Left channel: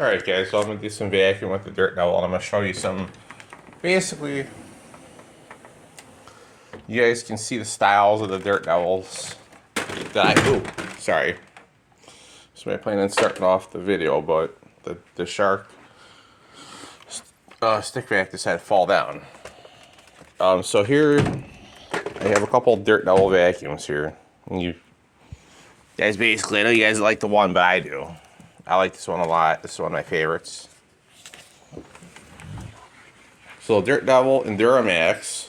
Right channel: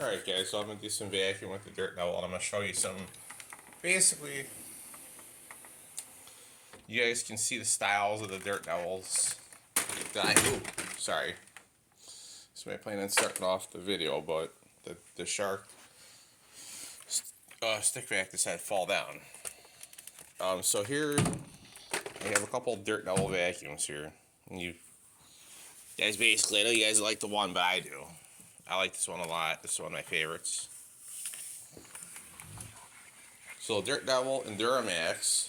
Alright guys, so I'm going to do some vacuum with the Dirt Devil, and I'm going to show you some, basically, you guys can see the styles of the Dirt Devils that sorry. So I plan on starting off the video, but the shark stick vac decided to fall down. So here, I have a couple Dirt Devil vacuums here. And you guys basically, I know you guys like the one, but I do. I like this one a lot. This is one of my favorites. So Dirt Devil and Duramax.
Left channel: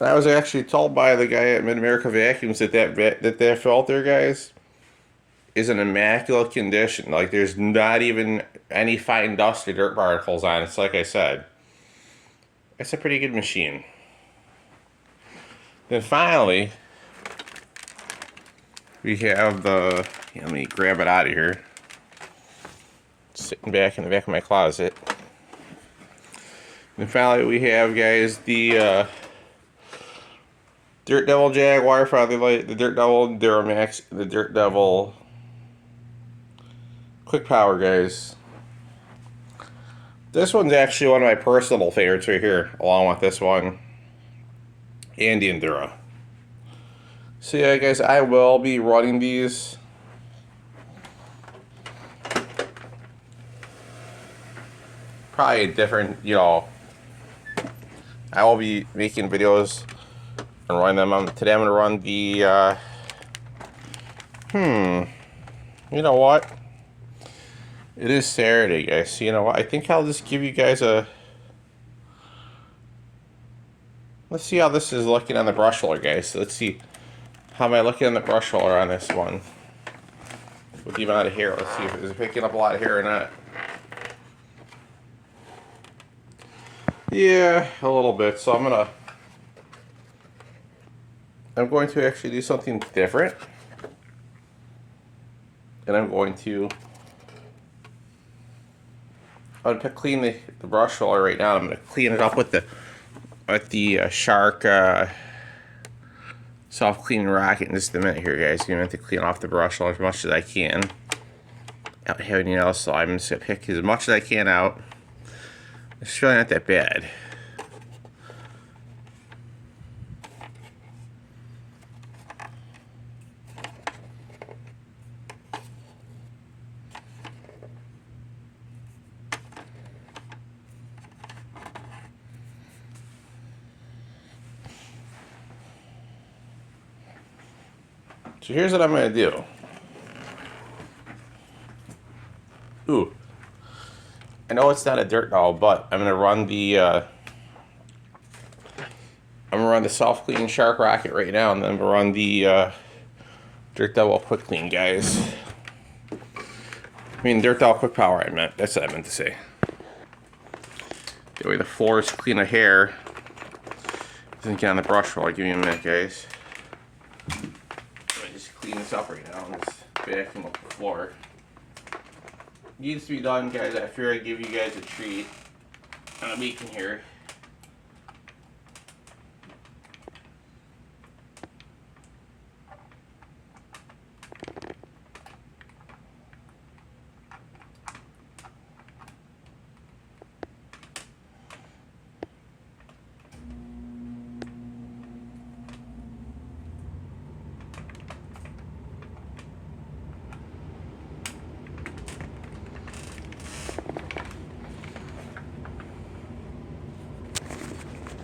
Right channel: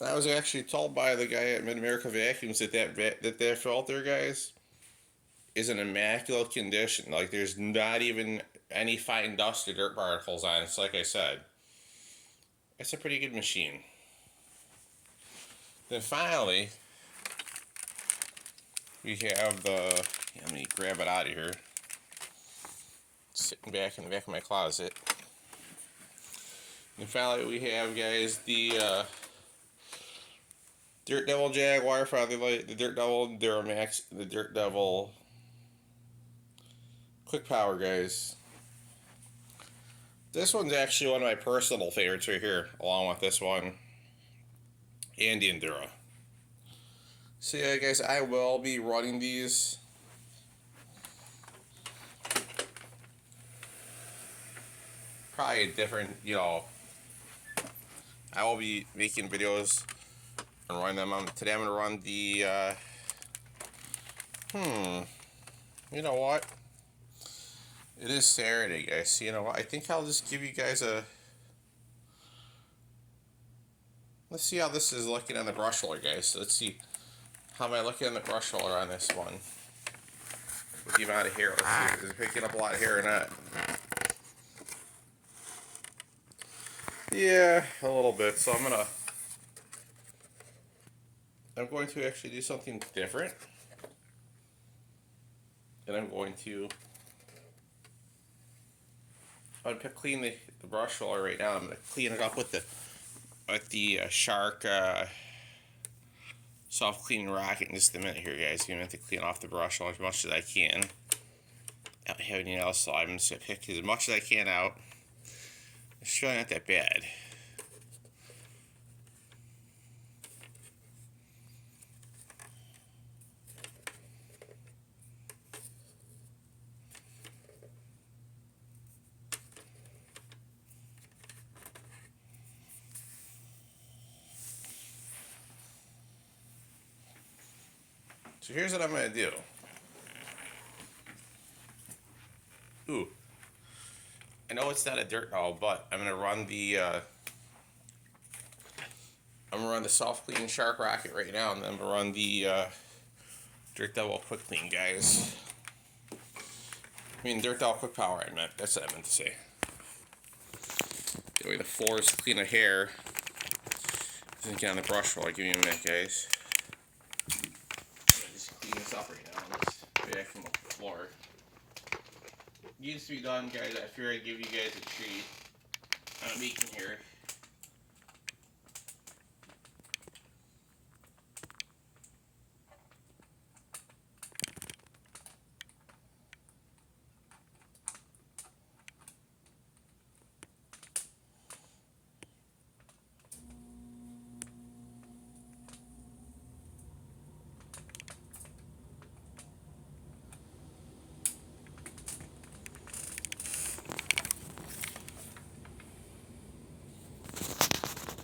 And I was actually told by the guy at Mid-America Vacuums that filter, guys, is in immaculate condition. Like, there's not even any fine dust or dirt particles on it. It's like I said. It's a pretty good machine. Then finally, we have the, let me grab it out of here. It's sitting back in the back of my closet. And finally we have, guys, the Dirt Devil Jaguar Fatherlight, the Dirt Devil Duramax, the Dirt Devil Quick Power, guys. This one's actually one of my personal favorites right here, along with this one and the Endura. So yeah, guys, I will be running these. Probably a different, I will be making videos and run them. Today I'm going to run the, you know what? It is Saturday, guys. So you know what? I think I'll just give you guys a... Let's see how this is looking on the brush roller, guys. So let's see. How am I looking on the brush roller on this one? With the amount of hair. Let's see if it's picking up a lot of hair or not. Yeah, a little bit. So I'm going to actually do something different. And I'm going to clean the brush roller right now. I'm going to clean it up with the Shark soft cleaning rocket in just a minute here, guys. I'm going to have to clean off the brush roller as much as I can. Not have anything else, so I'm just going to pick as much as I can out. It's really not that bad. So here's what I'm going to do. Ooh. I know it's not a Dirt Devil, but I'm going to run the soft clean Shark rocket right now, and then I'm going to run the Dirt Devil quick clean, guys. I mean, Dirt Devil quick power, I meant. That's what I meant to say. That way the floor is clean of hair. Doesn't get on the brush roller. Give me a minute, guys. Clean this up right now and just vacuum up the floor. Needs to be done, guys. I figured I'd give you guys a treat on a weekend here.